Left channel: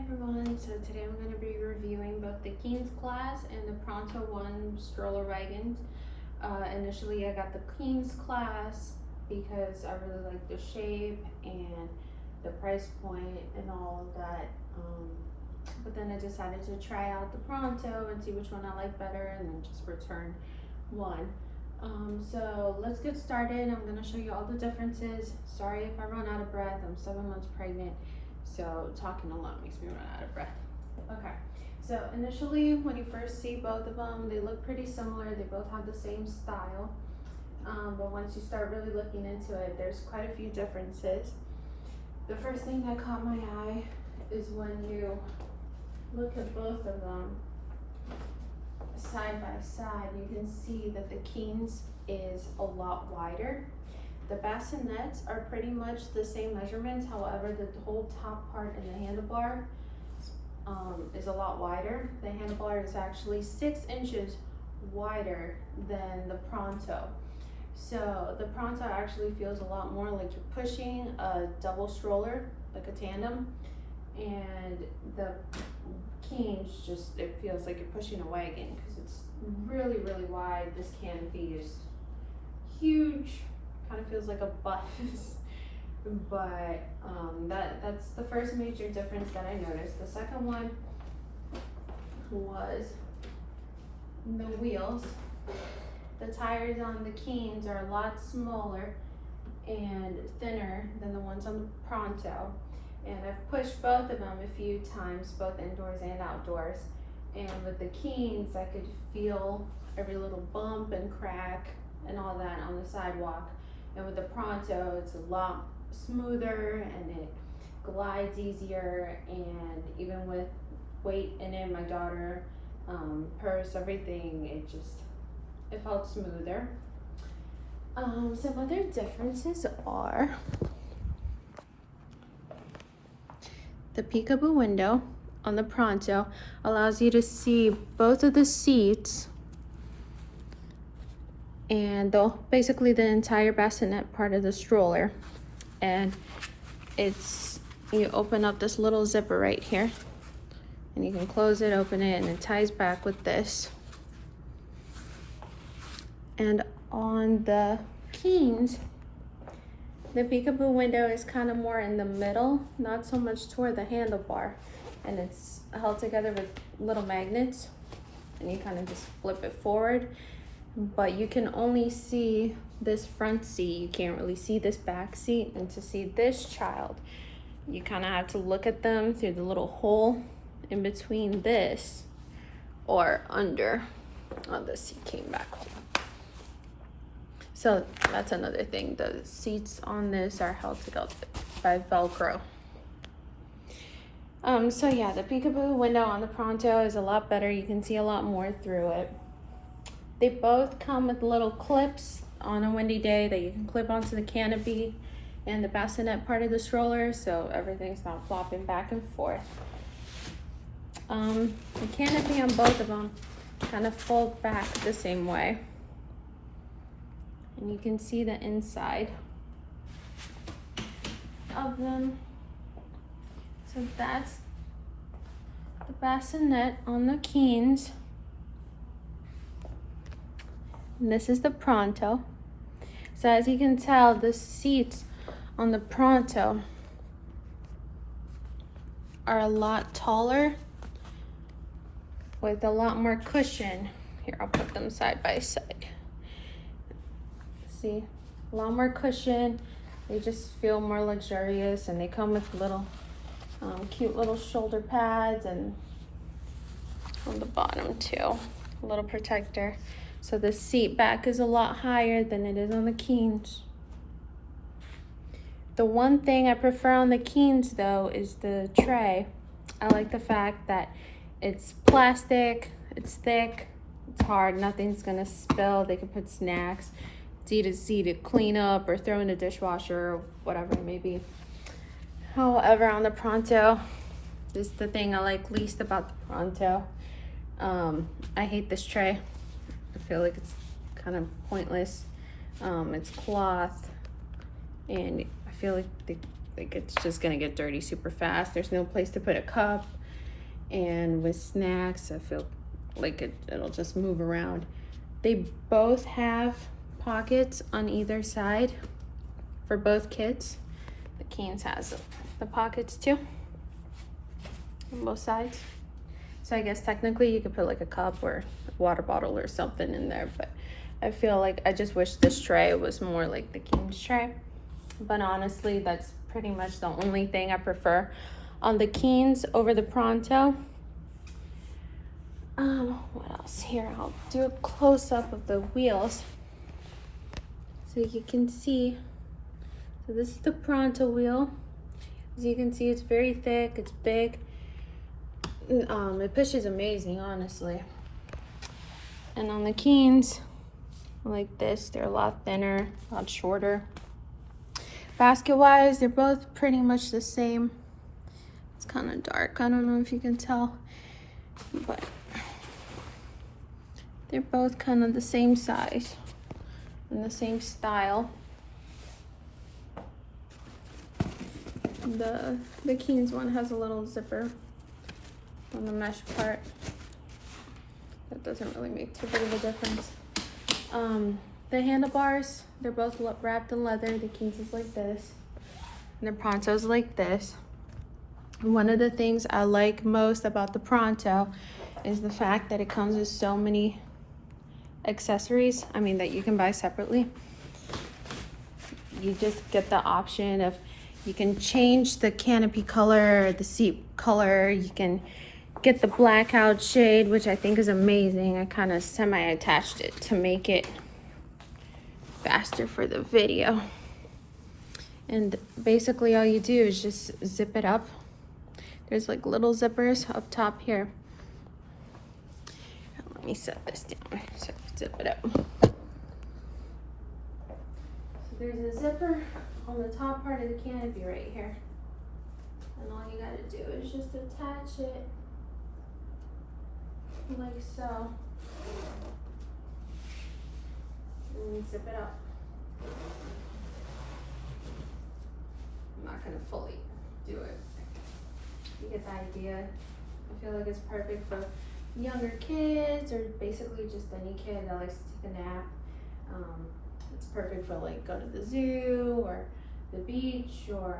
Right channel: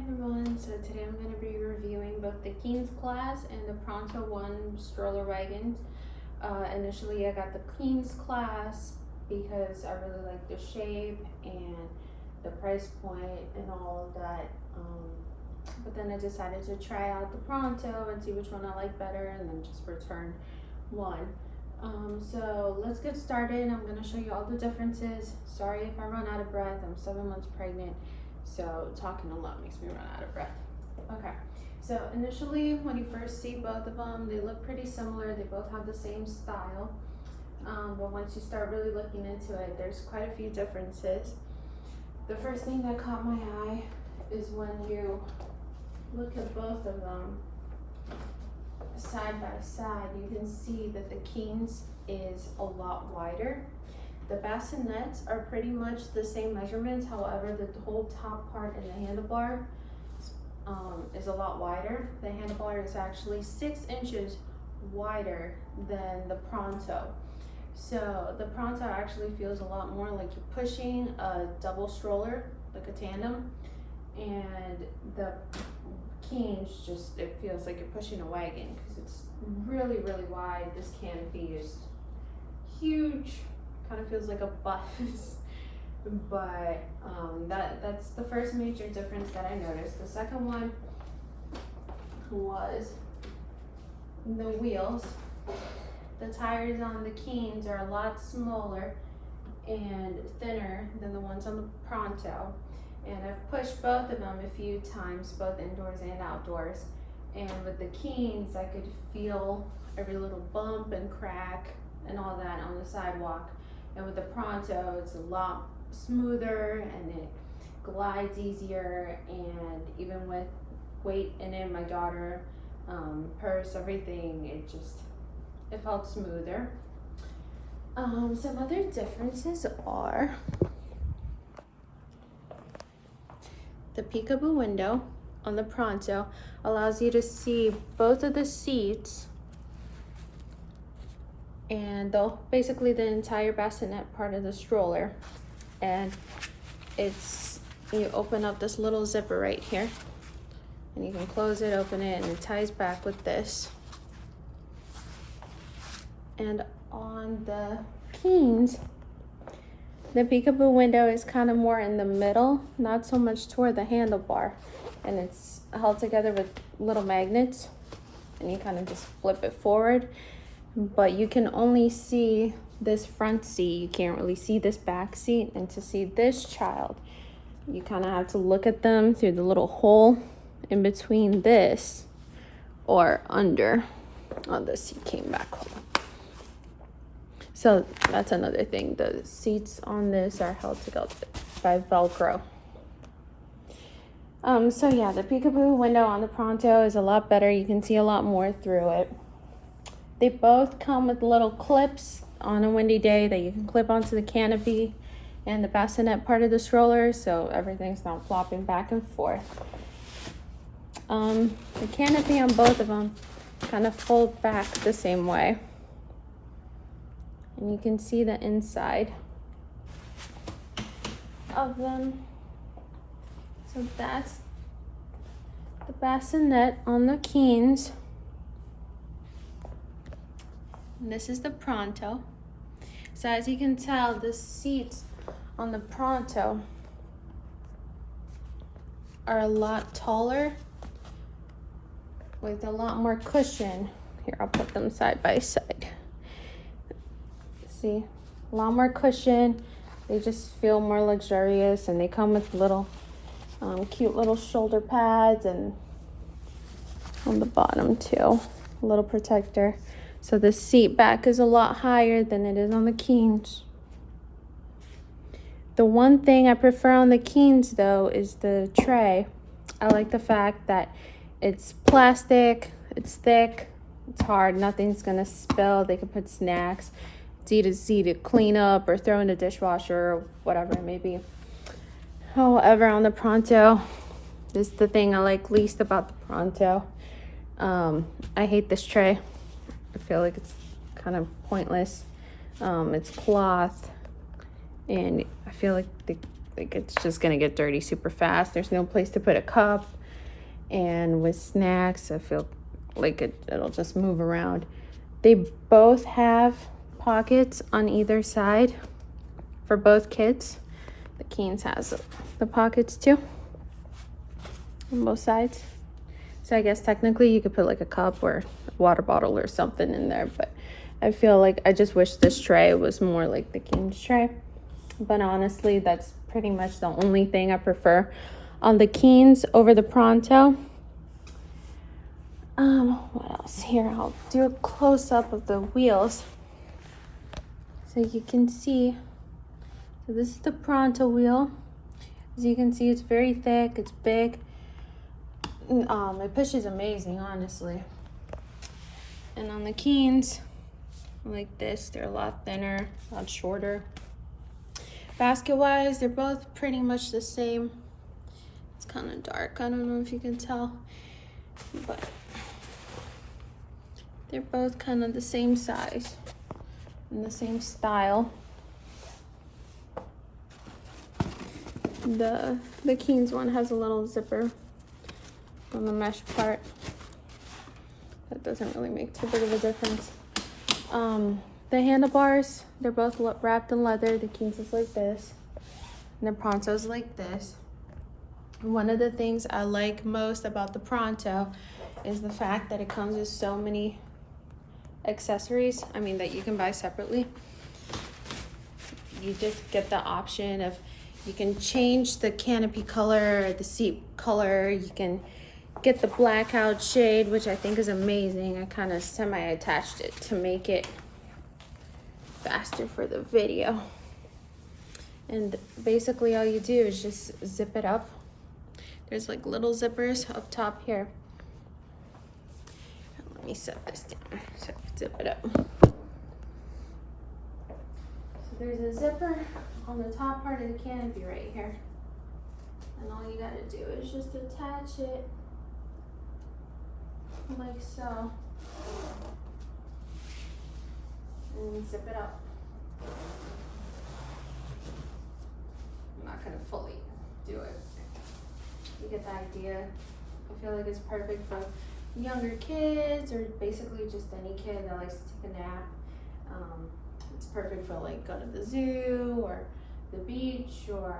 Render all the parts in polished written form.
everyone, so today I'm going to be reviewing both the Keenz Class and the Pronto 1 Stroller Wagons. Initially I got the Keenz Class because I really like the shape and the price point and all of that, but then I decided to try out the Pronto and see which one I like better and then just return one. So let's get started. I'm going to show you all the differences. Sorry if I run out of breath, I'm 7 months pregnant. So talking a lot makes me run out of breath. Okay, so initially when you first see both of them, they look pretty similar. They both have the same style. But once you start really looking into it, there's quite a few differences. The first thing that caught my eye is when you look at both of them side by side, you can see that the Keenz is a lot wider. The bassinets are pretty much the same measurements, however, the whole top part and the handlebar is a lot wider. The handlebar is actually 6 inches wider than the Pronto. So the Pronto actually feels a lot more like you're pushing a double stroller, like a tandem, and the Keenz it feels like you're pushing a wagon because it's really, really wide. This canopy is huge. Kind of feels like a bus. But that's the first major difference that I noticed. The second one was the wheels. The tires on the Keenz are a lot smaller and thinner than the ones on the Pronto. And I've pushed both of them a few times, both indoors and outdoors. And with the Keenz, I could feel every little bump and crack and all that on the sidewalk. And with the Pronto, it's a lot smoother and it glides easier. And even with weight in it, my daughter, purse, everything, it felt smoother. Some other differences are the peekaboo window on the Pronto allows you to see both of the seats and basically the entire bassinet part of the stroller. And you open up this little zipper right here and you can close it, open it, and it ties back with this. And on the Keenz, the peekaboo window is kind of more in the middle, not so much toward the handlebar. And it's held together with little magnets and you kind of just flip it forward. But you can only see this front seat. You can't really see this back seat. And to see this child, you kind of have to look at them through the little hole in between this or under. Oh, the seat came back. So that's another thing. The seats on this are held together by Velcro. So yeah, the peekaboo window on the Pronto is a lot better. You can see a lot more through it. They both come with little clips on a windy day that you can clip onto the canopy and the bassinet part of the stroller, so everything's not flopping back and forth. The canopy on both of them kind of fold back the same way. And you can see the inside of them. So that's the bassinet on the Keenz. And this is the Pronto. So as you can tell, the seats on the Pronto are a lot taller with a lot more cushion. Here, I'll put them side by side. See, a lot more cushion. They just feel more luxurious and they come with little cute little shoulder pads and on the bottom too, a little protector. So the seat back is a lot higher than it is on the Keenz. The one thing I prefer on the Keenz though is the tray. I like the fact that it's plastic, it's thick, it's hard, nothing's gonna spill. They can put snacks. It's easy to clean up or throw in the dishwasher or whatever it may be. However, on the Pronto, this is the thing I like least about the Pronto. I hate this tray. I feel like it's kind of pointless. It's cloth and I feel like like it's just gonna get dirty super fast. There's no place to put a cup, and with snacks I feel like it'll just move around. They both have pockets on either side for both kids. The Keenz has the pockets too on both sides. So I guess technically you could put like a cup or a water bottle or something in there, but I feel like I just wish this tray was more like the Keenz tray. But honestly, that's pretty much the only thing I prefer on the Keenz over the Pronto. What else here? I'll do a close-up of the wheels so you can see. So this is the Pronto wheel. As you can see, it's very thick, it's big. It pushes amazing, honestly. And on the Keenz, like this, they're a lot thinner, a lot shorter. Basket-wise, they're both pretty much the same. It's kind of dark, I don't know if you can tell, but they're both kind of the same size and the same style. The Keenz one has a little zipper on the mesh part. That doesn't really make too big of a difference. The handlebars, they're both wrapped in leather. The Keenz is like this, and the Pronto's like this. And one of the things I like most about the Pronto is the fact that it comes with so many accessories, that you can buy separately. You just get the option of, you can change the canopy color or the seat color. You can get the blackout shade, which I think is amazing. I kind of semi-attached it to make it faster for the video. And basically all you do is just zip it up. There's like little zippers up top here. Let me set this down so zip it up. So there's a zipper on the top part of the canopy right here. And all you gotta do is just attach it like so. And zip it up. I'm not gonna fully do it. You get the idea. I feel like it's perfect for younger kids, or basically just any kid that likes to take a nap. It's perfect for like go to the zoo or the beach or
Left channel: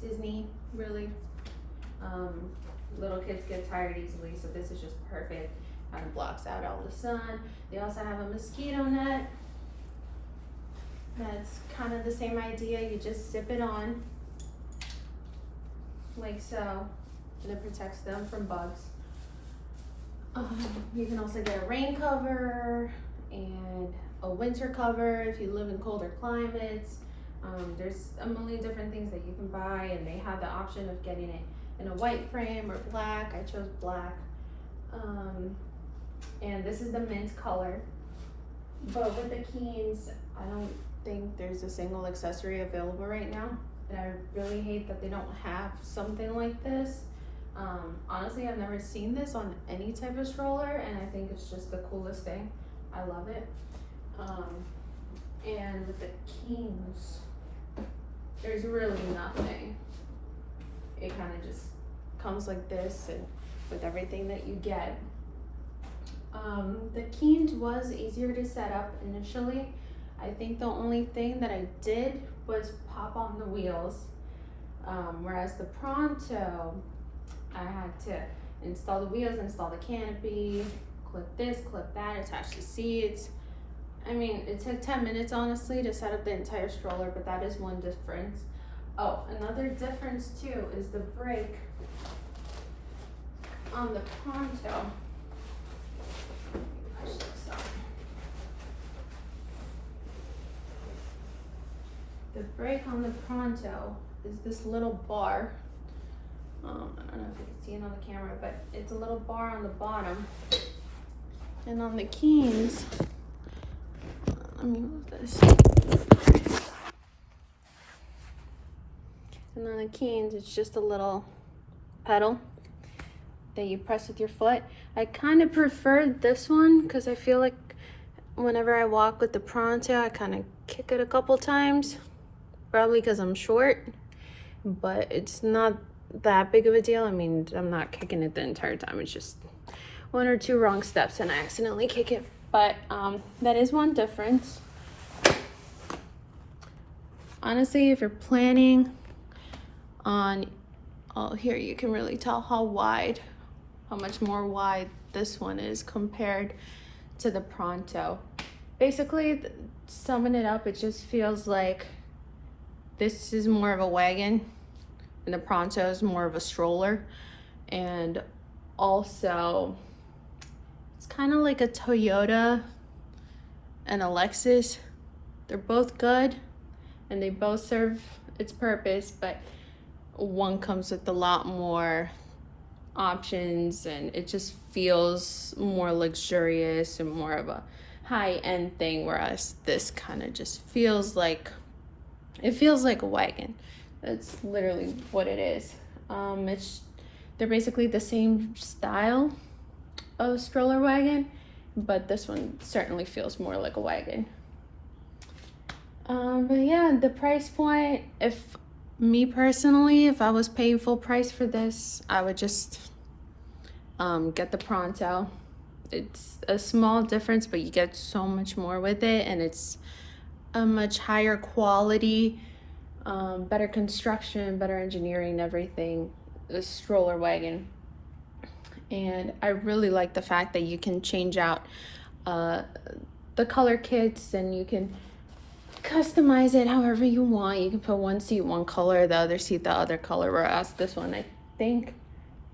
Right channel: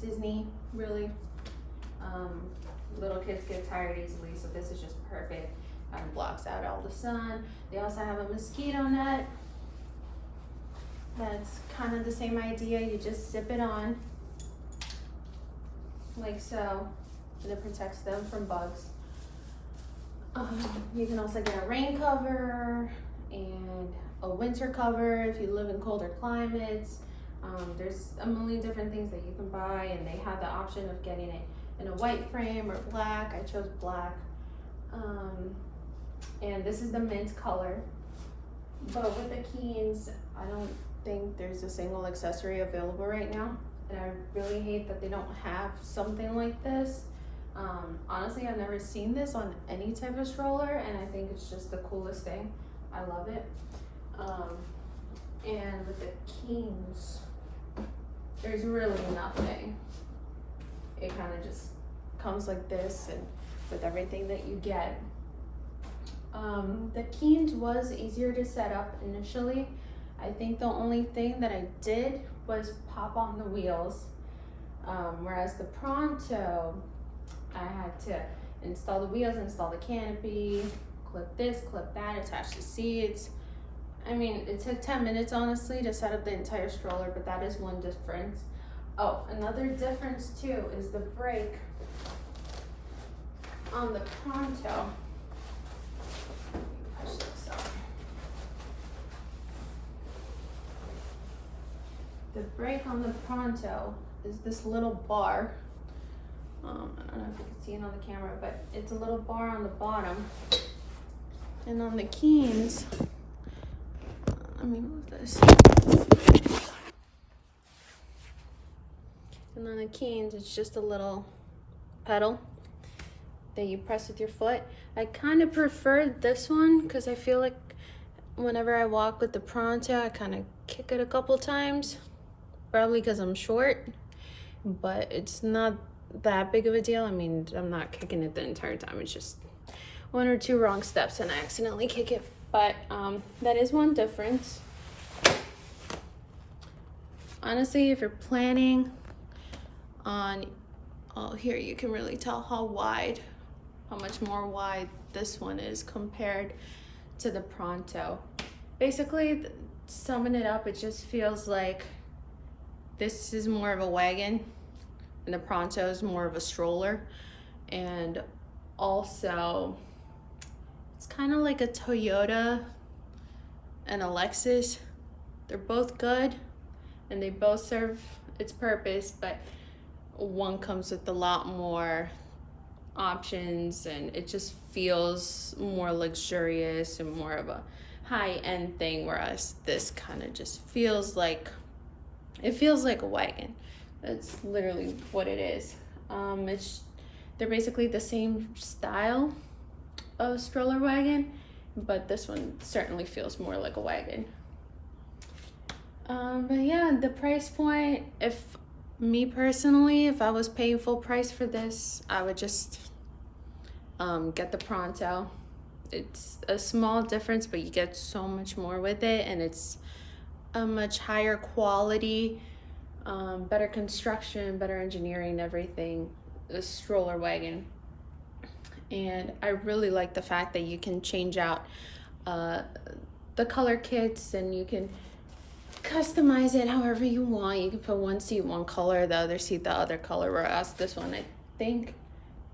Disney, really. Little kids get tired easily, so this is just perfect. Kind of blocks out all the sun. They also have a mosquito net. That's kind of the same idea. You just zip it on like so, and it protects them from bugs. You can also get a rain cover and a winter cover if you live in colder climates. There's a million different things that you can buy, and they have the option of getting it in a white frame or black. I chose black. And this is the mint color. But with the Keenz, I don't think there's a single accessory available right now. And I really hate that they don't have something like this. Honestly, I've never seen this on any type of stroller, and I think it's just the coolest thing. I love it. And with the Keenz, there's really nothing. It kind of just comes like this, and with everything that you get. The Keenz was easier to set up initially. I think the only thing that I did was pop on the wheels, whereas the Pronto, I had to install the wheels, install the canopy, clip this, clip that, attach the seats. It took 10 minutes honestly to set up the entire stroller, but that is one difference. Oh, another difference too is the brake on the Pronto. Push this up. The brake on the Pronto is this little bar. I don't know if you can see it on the camera, but it's a little bar on the bottom. And on the Keenz, let me move this. And on the Keenz, it's just a little pedal that you press with your foot. I kind of prefer this one because I feel like whenever I walk with the Pronto, I kind of kick it a couple times, probably because I'm short. but it's not that big of a deal. I mean, I'm not kicking it the entire time. It's just one or two wrong steps and I accidentally kick it. But that is one difference. Honestly, if you're planning on, oh, here you can really tell how much more wide this one is compared to the Pronto. Basically, summing it up, it just feels like this is more of a wagon and the Pronto is more of a stroller. And also, it's kind of like a Toyota and a Lexus. They're both good and they both serve its purpose, but one comes with a lot more options and it just feels more luxurious and more of a high-end thing, whereas this kind of just feels like, it feels like a wagon. That's literally what it is. They're basically the same style of stroller wagon, but this one certainly feels more like a wagon. But yeah, the price point, if me personally, if I was paying full price for this, I would just get the Pronto. It's a small difference, but you get so much more with it, and it's a much higher quality, better construction, better engineering, everything. The stroller wagon. And I really like the fact that you can change out the color kits and you can customize it however you want. You can put one seat one color, the other seat the other color, whereas this one, I think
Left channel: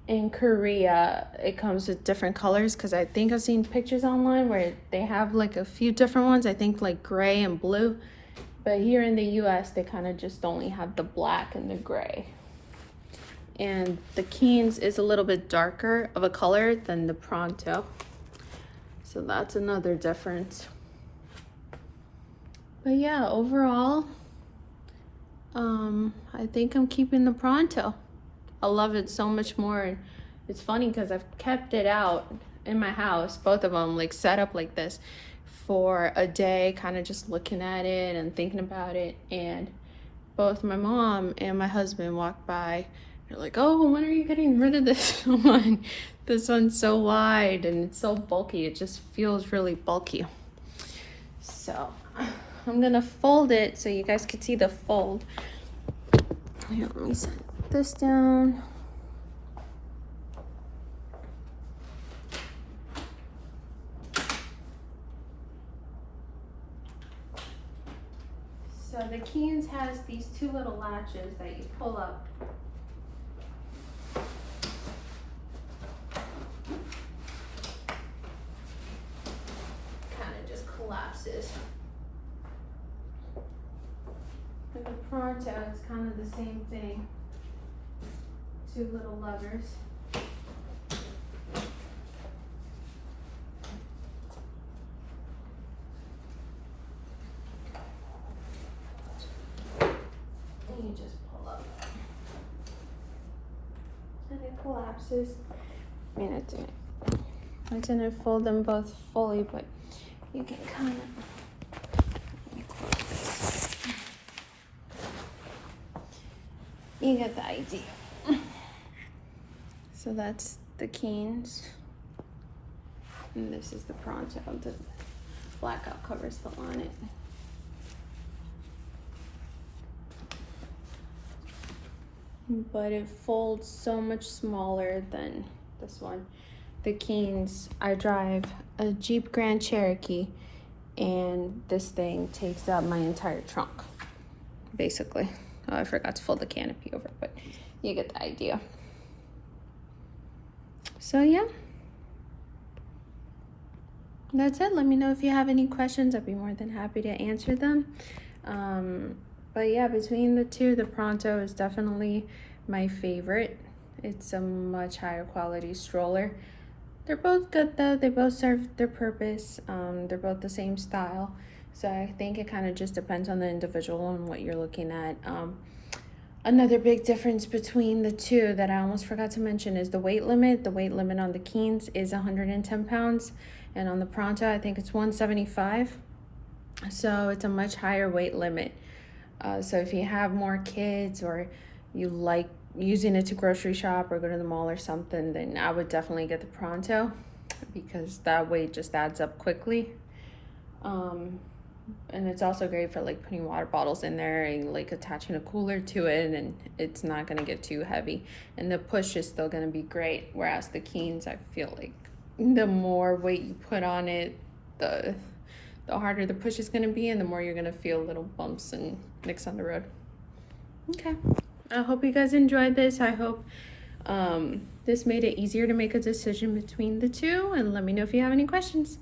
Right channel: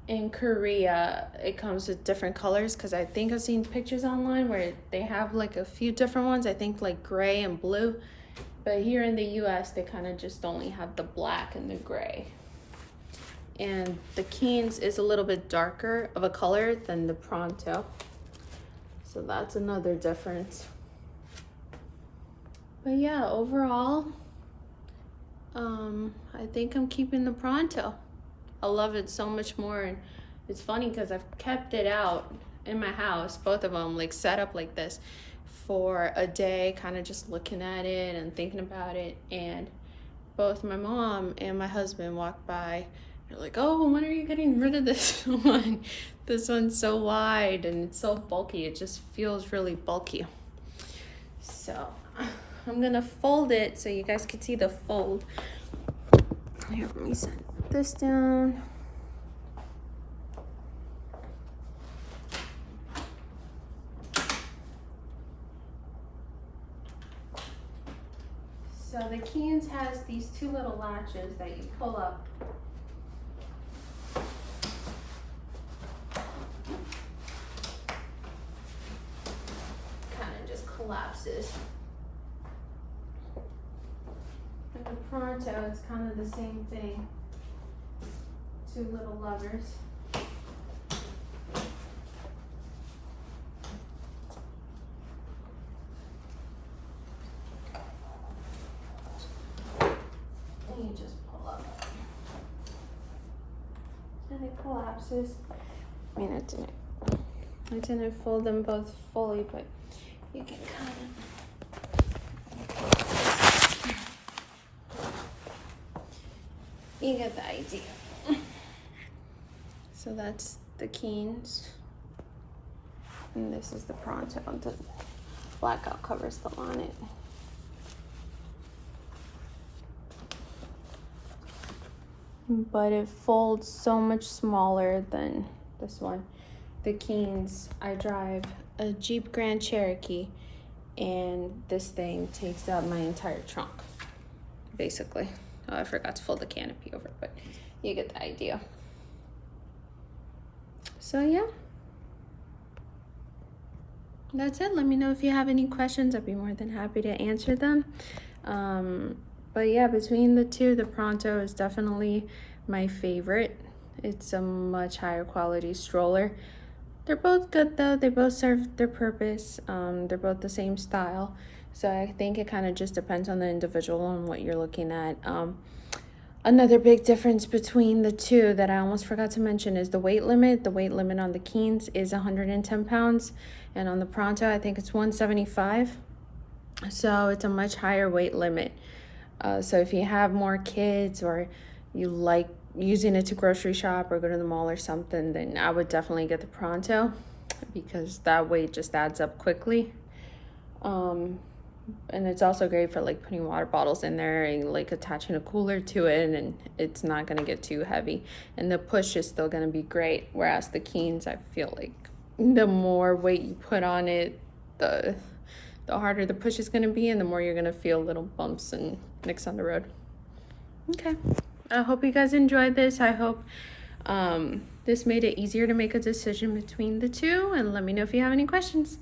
in Korea it comes with different colors, because I think I've seen pictures online where they have like a few different ones, I think like gray and blue, but here in the US they kind of just only have the black and the gray. And the Keenz is a little bit darker of a color than the Pronto, so that's another difference. But yeah, overall, I think I'm keeping the Pronto. I love it so much more. It's funny because I've kept it out in my house, both of them, like set up like this for a day, kind of just looking at it and thinking about it. And both my mom and my husband walked by. They're like, oh, when are you getting rid of this one? This one's so wide and it's so bulky. It just feels really bulky. So I'm gonna fold it so you guys can see the fold. Here, let me set this down. So the Keenz has these two little latches that you pull up. Kind of just collapses. And the Pronto, it's kind of the same thing. Two little levers. And you just pull up. And it collapses. I mean, I didn't fold them both fully, but you can kind of. You get the idea. So that's the Keenz. And this is the Pronto. The blackout cover still on it. But it folds so much smaller than this one. The Keenz, I drive a Jeep Grand Cherokee, and this thing takes out my entire trunk, basically. Oh, I forgot to fold the canopy over, but you get the idea. So yeah, that's it. Let me know if you have any questions. I'd be more than happy to answer them. But yeah, between the two, the Pronto is definitely my favorite. It's a much higher quality stroller. They're both good though. They both serve their purpose. They're both the same style. So I think it kind of just depends on the individual and what you're looking at. Another big difference between the two that I almost forgot to mention is the weight limit. The weight limit on the Keenz is 110 pounds. And on the Pronto, I think it's 175. So it's a much higher weight limit. So if you have more kids or you like using it to grocery shop or go to the mall or something, then I would definitely get the Pronto, because that weight just adds up quickly. And it's also great for like putting water bottles in there and like attaching a cooler to it, and it's not gonna get too heavy, and the push is still gonna be great. Whereas the Keenz, I feel like the more weight you put on it, the harder the push is gonna be, and the more you're gonna feel little bumps and nicks on the road. Okay, I hope you guys enjoyed this. I hope this made it easier to make a decision between the two, and let me know if you have any questions.